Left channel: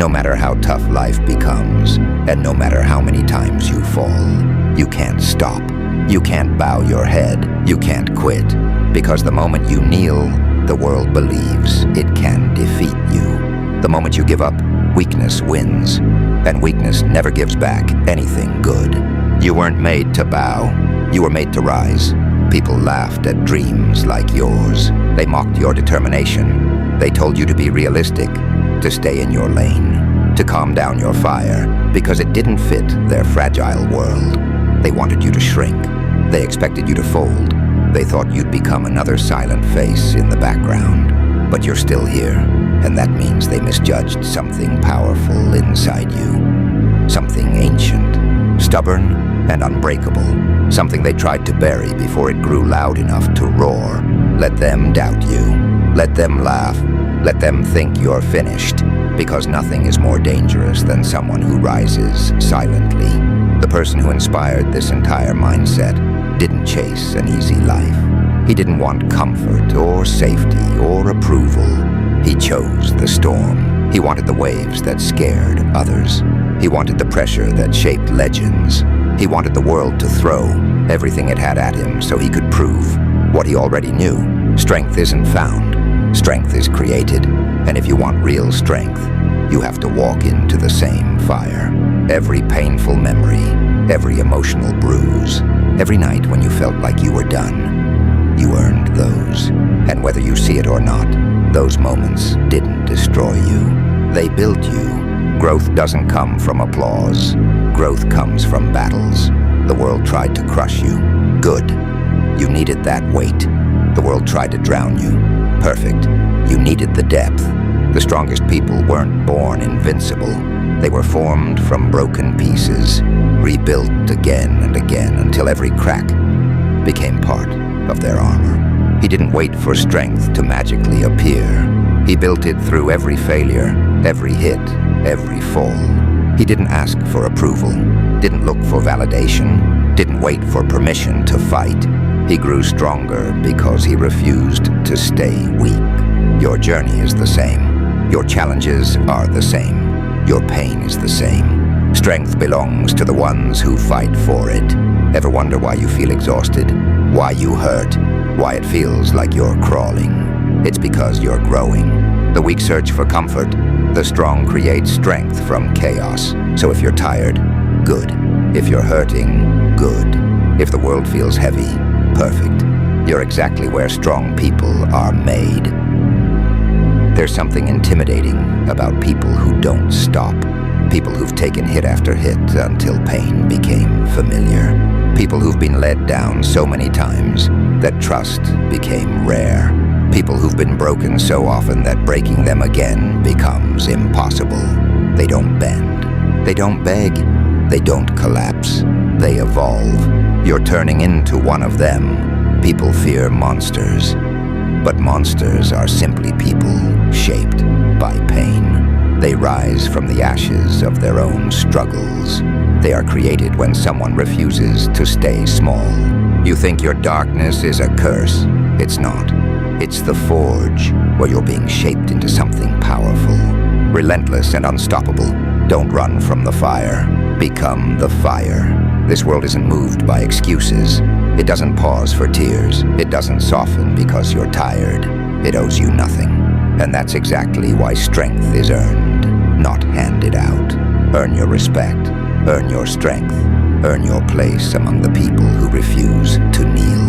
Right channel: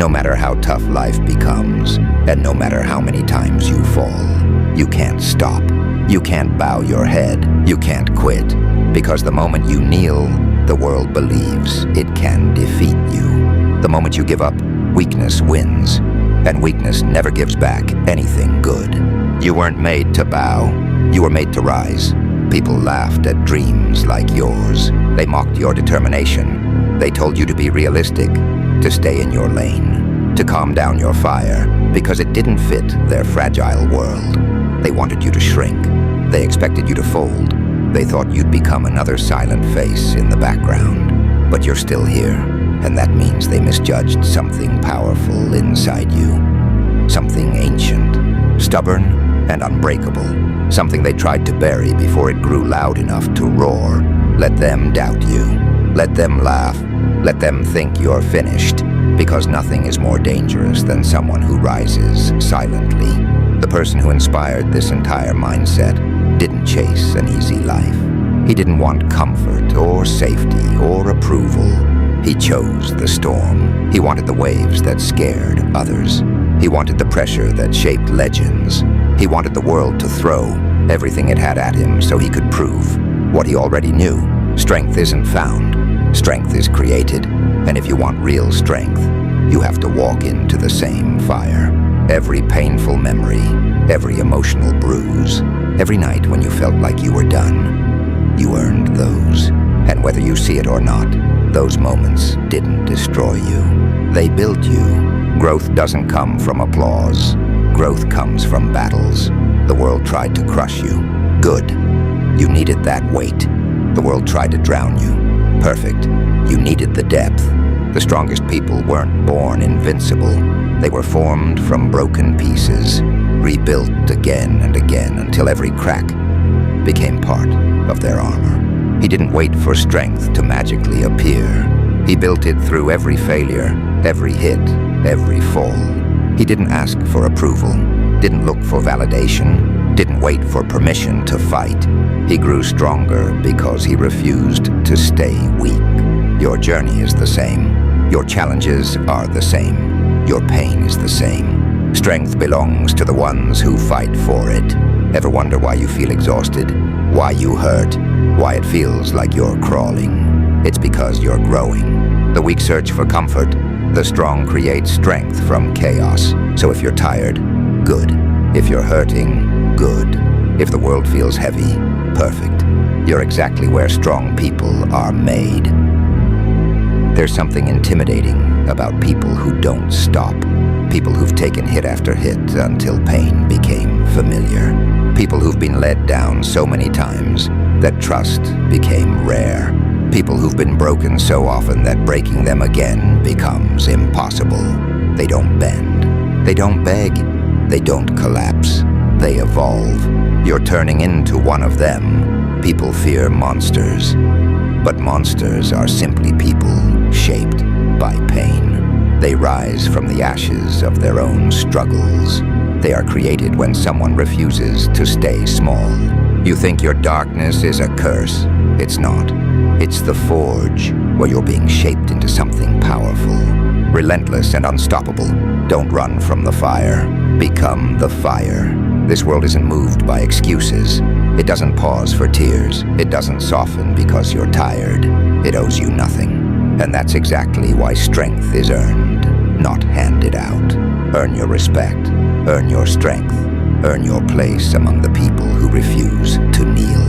No matter how tough life becomes, and no matter how many times you fall, you can't stop. You can't bow your head. You can't quit. Because the moment you kneel, the world believes it can defeat you. The moment you give up, weakness wins. And weakness never gives back anything good. You weren't made to bow. You were made to rise. People laughed at dreams like yours. They mocked your determination. They told you to be realistic, to stay in your lane, to calm down your fire, because it didn't fit their fragile world. They wanted you to shrink. They expected you to fold. They thought you'd become another silent face in the background. But you're still here, and that means they misjudged something powerful inside you. Something ancient, stubborn, and unbreakable. Something they tried to bury before it grew loud enough to roar. Let them doubt you. Let them laugh. Let them think you're finished. Because nothing is more dangerous than someone who rises silently. The person who inspired this entire mindset didn't chase an easy life. He didn't want comfort or safety or approval. He chose the storm. He wanted the waves that scared others. He wanted the pressure that shaped legends. He wanted the world to throw everything it had at him so he could prove what he already knew. Strength isn't found. Strength is created. And if you want real strength, you have to walk into the same fire. Every painful memory, every emotional bruise, every night when you felt like you were done, you earned those. And whether you see it or not, those moments didn't destroy you. They built you. Growth doesn't come from applause. Growth comes from battles. The world tried to crush you. Good. You needed that weight. The world tried to drown you. Perfect. You needed the depth. The strongest people weren't born invincible. They were formed from broken pieces, rebuilt again and again until every crack became part of their armor. He didn't wait for strength to magically appear. He built it through every failure, every hit, every fall. He didn't ask for approval, didn't look for validation, didn't wait for permission to fight. He grew stronger because he refused to stay weak. Your journey is the same. Your challenges are the same. Your pain is the same. Strength belongs to the ones who fight for it. Ever wonder why you feel exhausted? Why you hurt? Why it feels like you're crawling? It's because you're growing. The weak search for comfort. The strong create strength from chaos. So if you're tired, good. If you're hurting, good. If the world feels heavy, perfect. You're exactly where strong people are made. There's something intimidating about people who don't stop. People who've taken hit after hit until pain became familiar. People who've been led down so many times that trust became rare. People who've been broken so often that breaking them again becomes impossible. They don't bend. They don't beg. They don't collapse. They evolve. You're turning into one of them. People fear monsters. But monsters are simply people shaped by pain. They rise from the ashes of their own struggles. They are created when someone refuses to stay small. You think your darkness is a curse. It's not. It's the forge, where you're being shaped into something powerful. Relentless and unstoppable. Don't run from the fire. Become the fire. This world isn't moved by excuses. It doesn't pause for tears. It doesn't soften because you're tired. It owes you nothing. And that's exactly why strength is earned, not handed out. Earn your respect. Earn your strength. Earn your place among the people who refuse to kneel.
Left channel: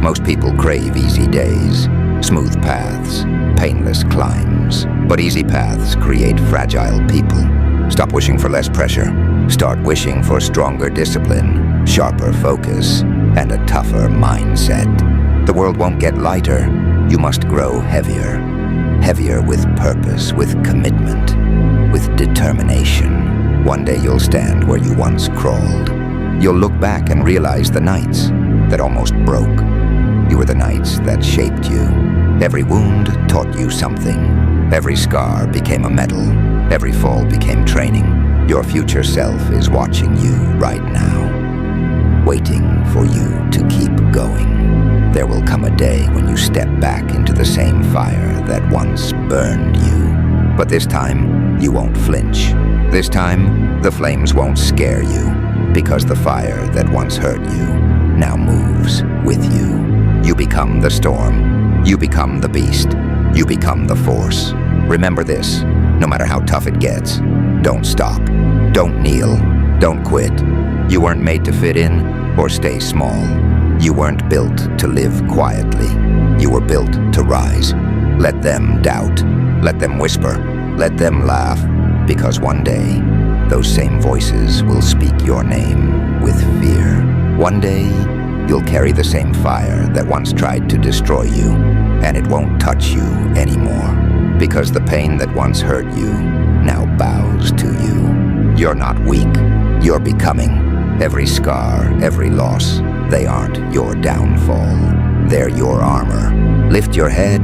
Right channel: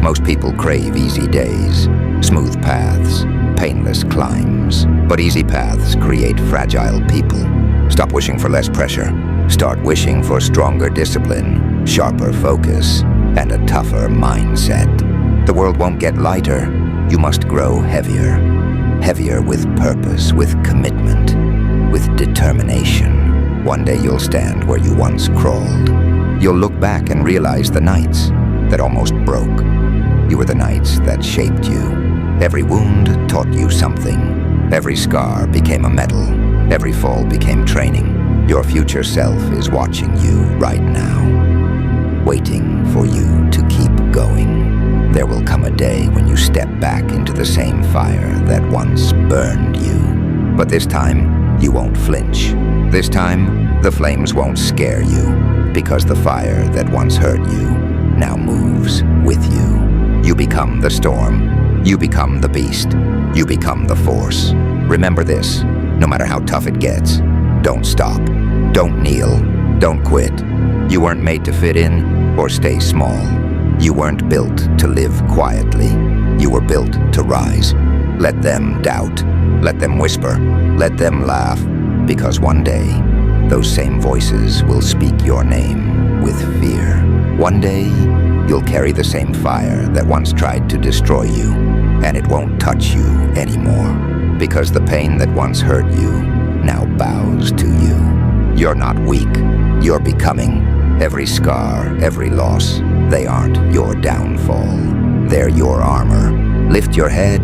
Most people crave easy days, smooth paths, painless climbs. But easy paths create fragile people. Stop wishing for less pressure. Start wishing for stronger discipline, sharper focus, and a tougher mindset. The world won't get lighter. You must grow heavier. Heavier with purpose, with commitment, with determination. One day you'll stand where you once crawled. You'll look back and realize the nights that almost broke. You were the nights that shaped you. Every wound taught you something. Every scar became a medal. Every fall became training. Your future self is watching you right now, waiting for you to keep going. There will come a day when you step back into the same fire that once burned you. But this time, you won't flinch. This time, the flames won't scare you, because the fire that once hurt you now moves with you. You become the storm. You become the beast. You become the force. Remember this, no matter how tough it gets, don't stop. Don't kneel. Don't quit. You weren't made to fit in or stay small. You weren't built to live quietly. You were built to rise. Let them doubt. Let them whisper. Let them laugh. Because one day, those same voices will speak your name with fear. One day, you'll carry the same fire that once tried to destroy you, and it won't touch you anymore. Because the pain that once hurt you now bows to you. You're not weak. You're becoming. Every scar, every loss, they aren't your downfall. They're your armor. Lift your head,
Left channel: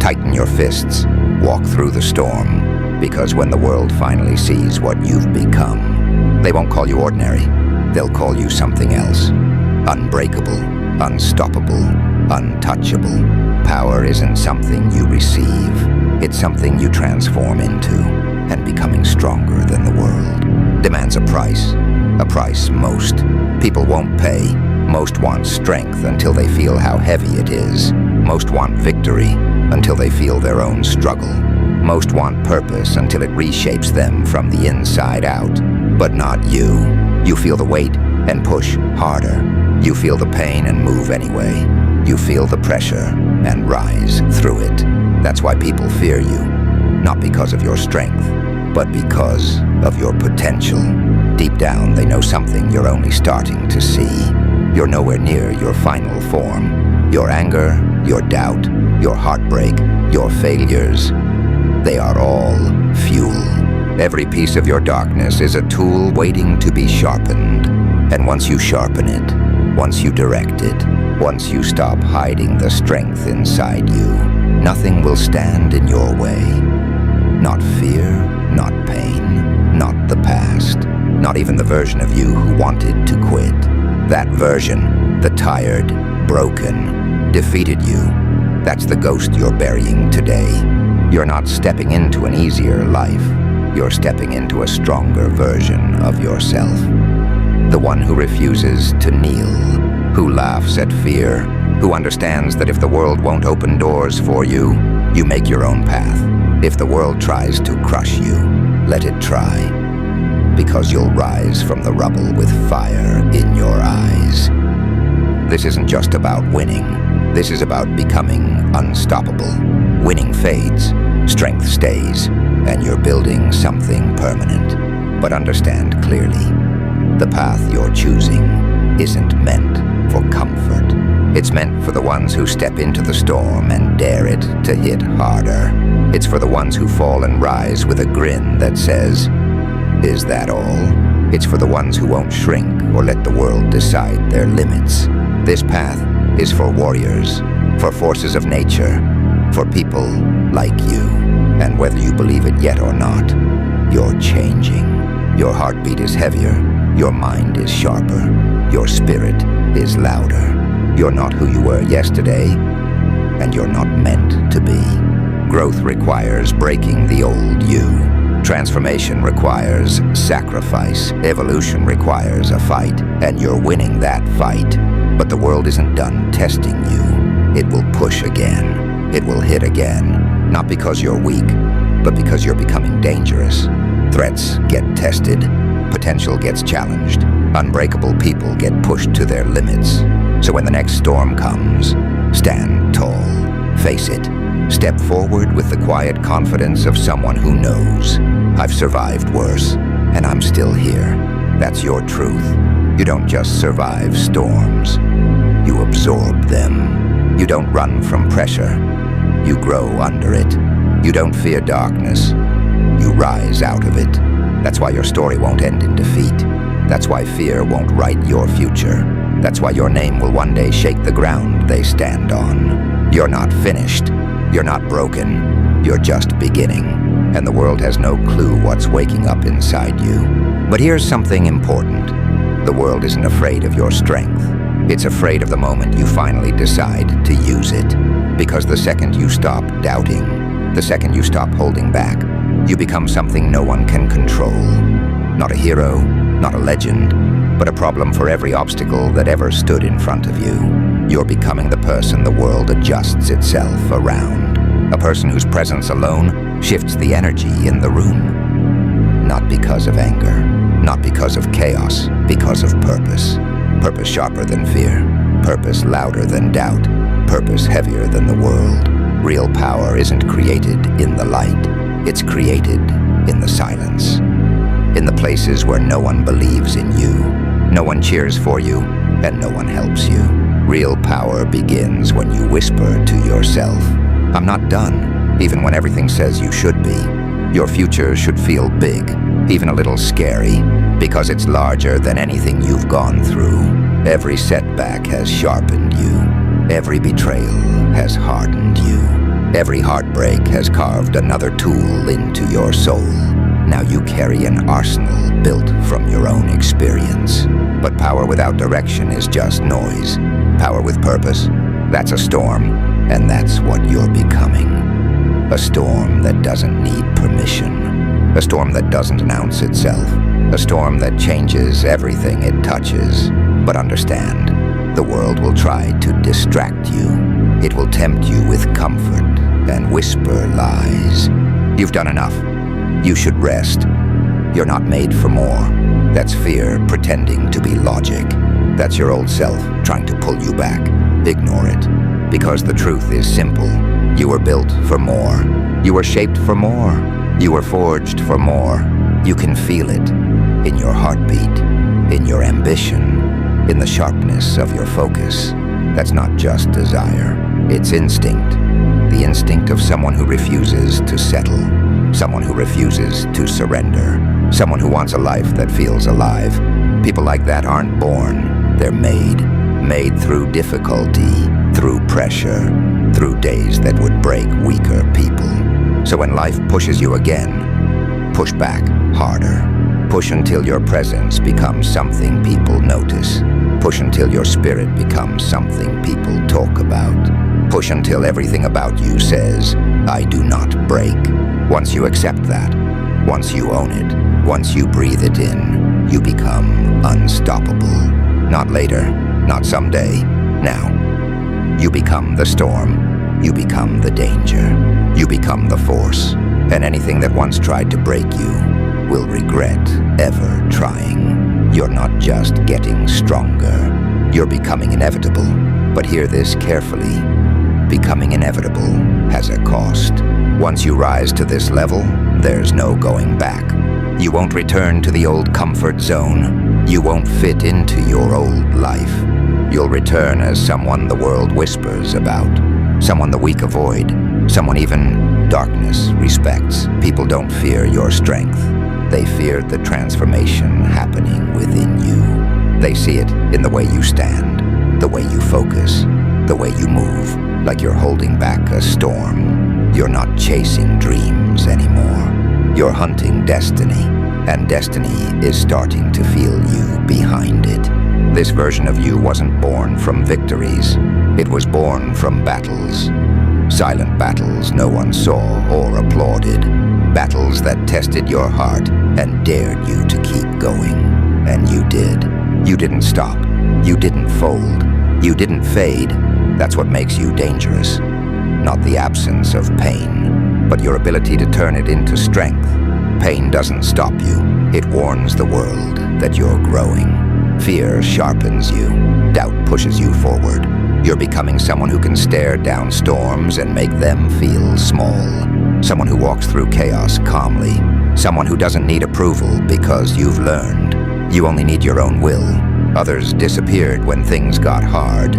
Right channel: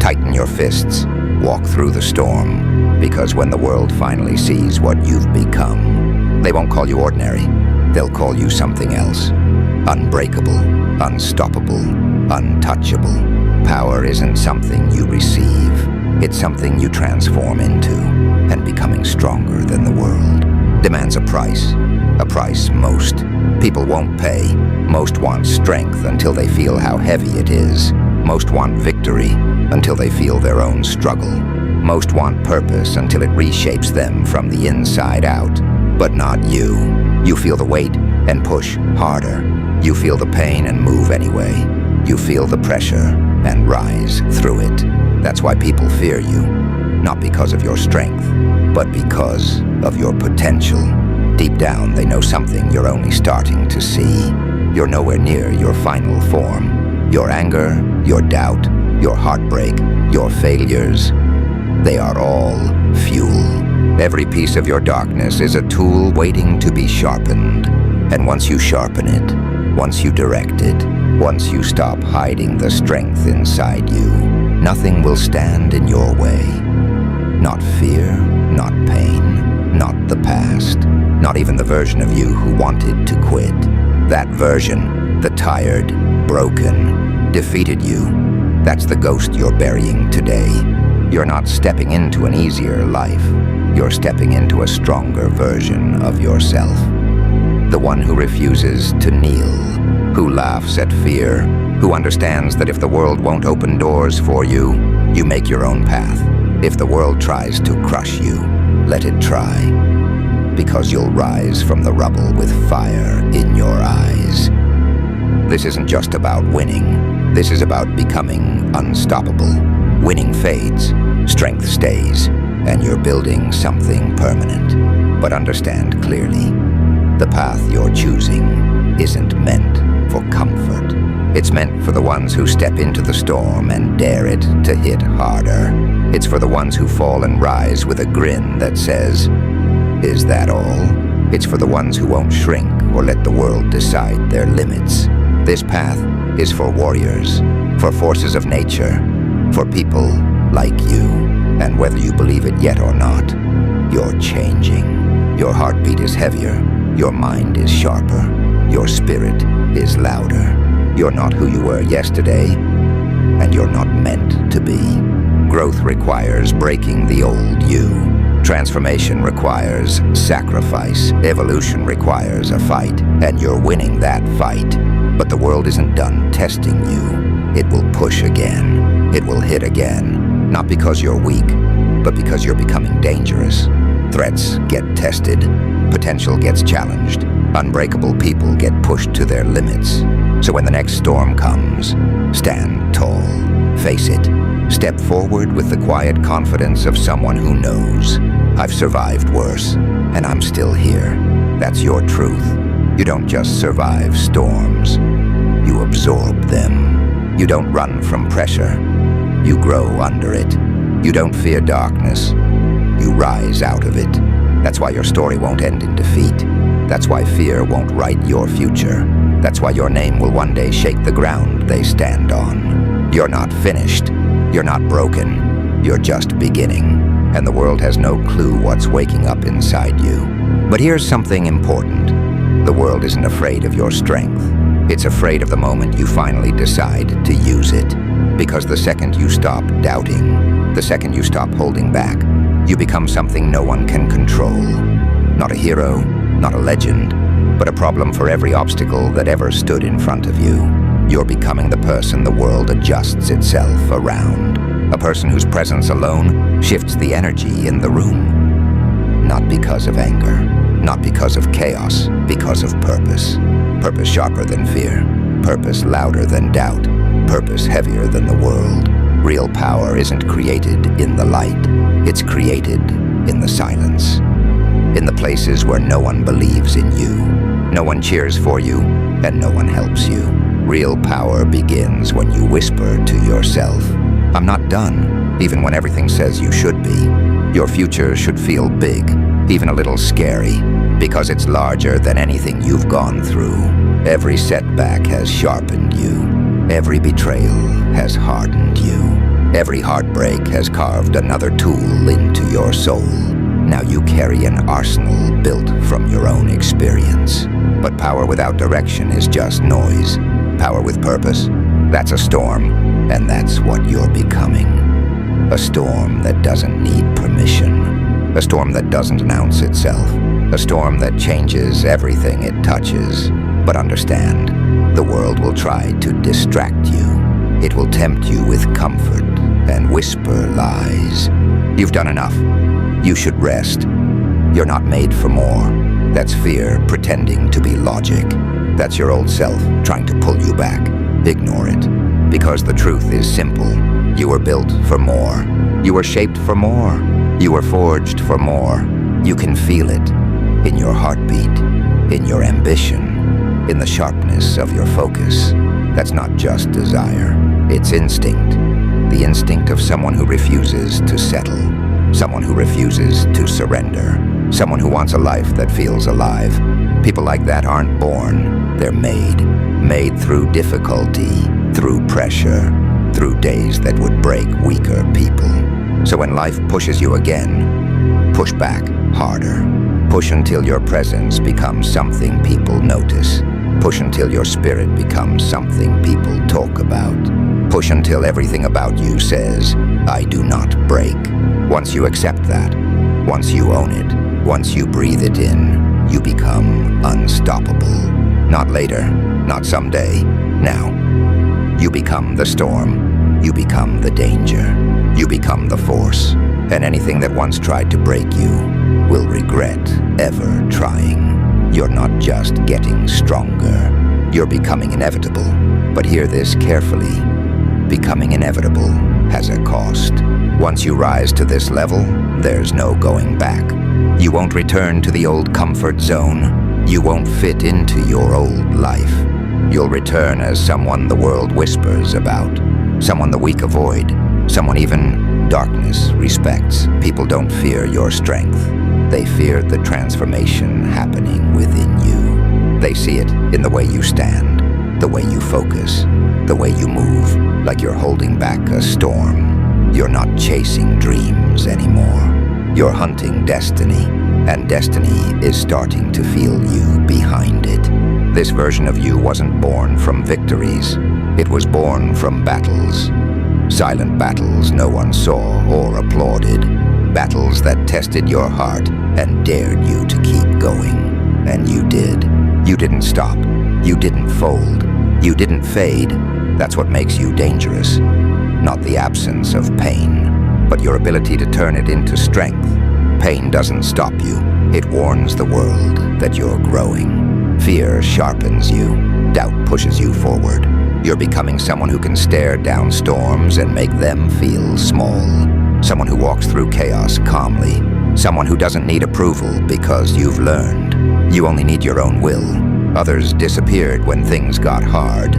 tighten your fists, walk through the storm. Because when the world finally sees what you've become, they won't call you ordinary. They'll call you something else. Unbreakable, unstoppable, untouchable. Power isn't something you receive. It's something you transform into, and becoming stronger than the world demands a price most people won't pay. Most want strength until they feel how heavy it is. Most want victory until they feel their own struggle. Most want purpose until it reshapes them from the inside out. But not you. You feel the weight and push harder. You feel the pain and move anyway. You feel the pressure and rise through it. That's why people fear you. Not because of your strength, but because of your potential. Deep down, they know something you're only starting to see. You're nowhere near your final form. Your anger, your doubt, your heartbreak, your failures, they are all fuel. Every piece of your darkness is a tool waiting to be sharpened. And once you sharpen it, once you direct it, once you stop hiding the strength inside you, nothing will stand in your way. Not fear, not pain, not the past, not even the version of you who wanted to quit. That version, the tired, broken, defeated you. That's the ghost you're burying today. You're not stepping into an easier life. You're stepping into a stronger version of yourself. The one who refuses to kneel, who laughs at fear, who understands that if the world won't open doors for you, you make your own path. If the world tries to crush you, let it try. Because you'll rise from the rubble with fire in your eyes. This isn't just about winning. This is about becoming unstoppable. Winning fades, strength stays, and you're building something permanent. But understand clearly, the path you're choosing isn't meant for comfort. It's meant for the ones who step into the storm and dare it to hit harder. It's for the ones who fall and rise with a grin that says, "Is that all?" It's for the ones who won't shrink or let the world decide their limits. This path is for warriors, for forces of nature, for people like you. And whether you believe it yet or not, you're changing. Your heartbeat is heavier, your mind is sharper, your spirit is louder. You're not who you were yesterday, and you're not meant to be. Growth requires breaking the old you. Transformation requires sacrifice. Evolution requires a fight, and you're winning that fight. But the world isn't done testing you. It will push again. It will hit again. Not because you're weak, but because you're becoming dangerous. Threats get tested. Potential gets challenged. Unbreakable people get pushed to their limits. So when the next storm comes, stand tall. Face it. Step forward with the quiet confidence of someone who knows. I've survived worse, and I'm still here. That's your truth. You don't just survive storms. You absorb them. You don't run from pressure. You grow under it. You don't fear darkness. You rise out of it. That's why your story won't end in defeat. That's why fear won't write your future. That's why your name will one day shake the ground they stand on. You're not finished. You're not broken. You're just beginning. And the world has no clue what's waking up inside you. But here's something important. The world isn't afraid of your strength. It's afraid of the moment you finally decide to use it. Because the second you stop doubting, the second you stop holding back, you become something no one can control. Not a hero, not a legend, but a problem for every obstacle that ever stood in front of you. You're becoming the person the world adjusts itself around. A person whose presence alone shifts the energy in the room. Not because of anger, not because of chaos, because of purpose. Purpose sharper than fear, purpose louder than doubt, purpose heavier than the world. Real power isn't created in the light, it's created in the silence. In the places where no one believes in you, no one cheers for you, and no one helps you. Real power begins when you whisper to yourself, "I'm not done," even when everything says you should be. Your future should feel big, even a little scary, because it's larger than anything you've gone through. Every setback has sharpened you. Every betrayal has hardened you. Every heartbreak has carved another tool into your soul. Now you carry an arsenal built from your own experience. But power without direction is just noise. Power with purpose, that's a storm, and that's what you're becoming. A storm that doesn't need permission. A storm that doesn't announce itself. A storm that changes everything it touches. But understand, the world will try to distract you. It will tempt you with comfort and whisper lies. You've done enough. You should rest. You're not made for more. That's fear pretending to be logic. That's your old self trying to pull you back. Ignore it. Because the truth is simple. You were built for more. You were shaped for more. You were forged for more. You can feel it in your heartbeat, in your ambition, in the sharpness of your focus. That's not just desire. It's instinct. The instinct of someone who refuses to settle. Someone who refuses to surrender. Someone who wants a life that feels alive. People like that aren't born, they're made. Made through difficulty, through pressure, through days that would break weaker people. So when life pushes you again, push back harder. Push until your presence becomes something people notice. Push until your spirit becomes something people talk about. Push until everything about you says, "I do not break." Once you accept that, once you own it, once you breathe it in, you become unstoppable. Not later, not someday, now. You become the storm, you become the danger, you become the force, and anything that once tried to break you will regret ever trying. You're not just getting stronger, you're becoming inevitable. But hear this carefully, becoming inevitable has a cost. Once you rise to this level, there's no going back. You won't return to the old comfort zone. You won't fit into your old life. You'll return as someone the world whispers about, someone the weak avoid, someone even darkness respects. People don't fear your strength. They fear the transformation happening within you. They see it in the way you stand, the way you focus, the way you move, like you're holding back a storm. You're not chasing dreams anymore. You're hunting destiny, and destiny is starting to feel you behind it. This version of you wasn't born from victories. It was born from battles. Silent battles no one saw or applauded. Battles that tested your heart and dared you to keep going. And you did. You didn't stop. You didn't fold. You didn't fade. That's what makes you dangerous. Not the absence of pain, but your ability to turn it into strength. Pain doesn't stop you. It warns the world that you're growing. Fear sharpens you. Doubt pushes you forward. You're becoming someone who can stare down storms and make them feel small. Someone who walks through chaos calmly. Someone who doesn't need approval because you've learned. You only need your own will. Others disappeared when things got hard,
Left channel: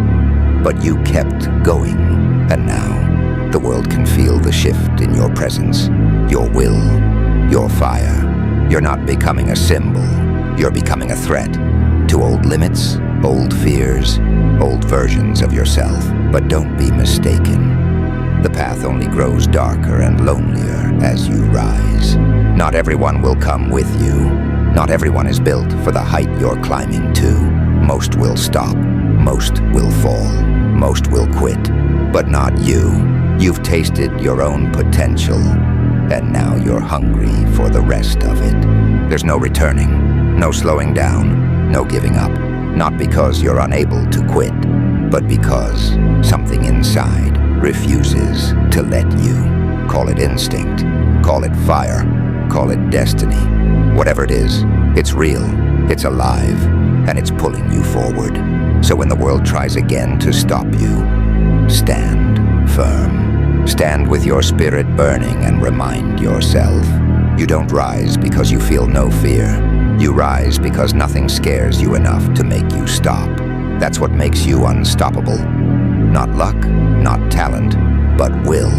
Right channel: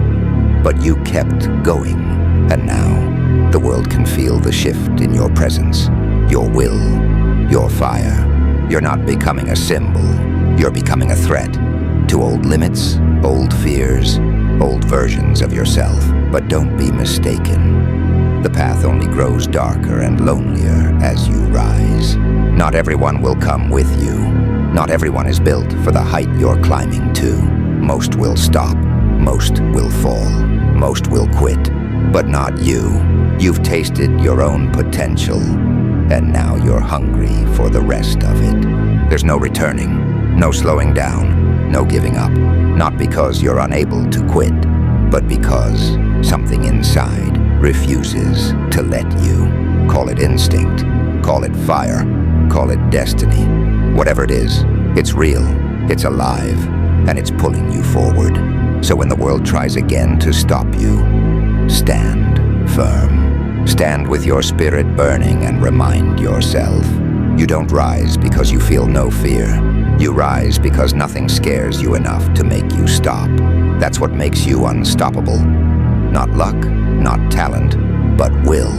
but you kept going. And now, the world can feel the shift in your presence, your will, your fire. You're not becoming a symbol. You're becoming a threat to old limits, old fears, old versions of yourself. But don't be mistaken. The path only grows darker and lonelier as you rise. Not everyone will come with you. Not everyone is built for the height you're climbing to. Most will stop. Most will fall. Most will quit. But not you. You've tasted your own potential, and now you're hungry for the rest of it. There's no returning, no slowing down, no giving up. Not because you're unable to quit, but because something inside refuses to let you. Call it instinct, call it fire, call it destiny. Whatever it is, it's real, it's alive, and it's pulling you forward. So when the world tries again to stop you, stand firm. Stand with your spirit burning and remind yourself, you don't rise because you feel no fear. You rise because nothing scares you enough to make you stop. That's what makes you unstoppable. Not luck, not talent, but will.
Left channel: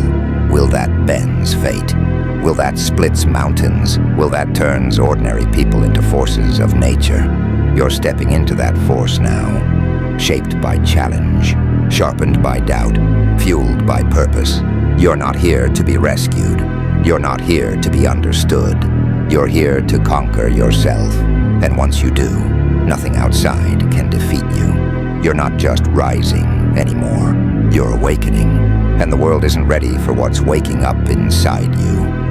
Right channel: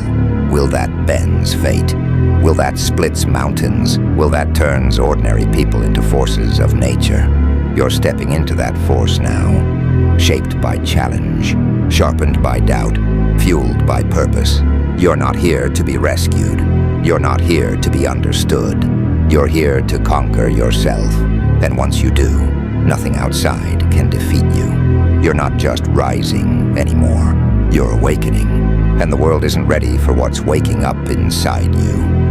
Will that bends fate? Will that splits mountains? Will that turns ordinary people into forces of nature? You're stepping into that force now, shaped by challenge, sharpened by doubt, fueled by purpose. You're not here to be rescued. You're not here to be understood. You're here to conquer yourself. And once you do, nothing outside can defeat you. You're not just rising anymore. You're awakening. And the world isn't ready for what's waking up inside you.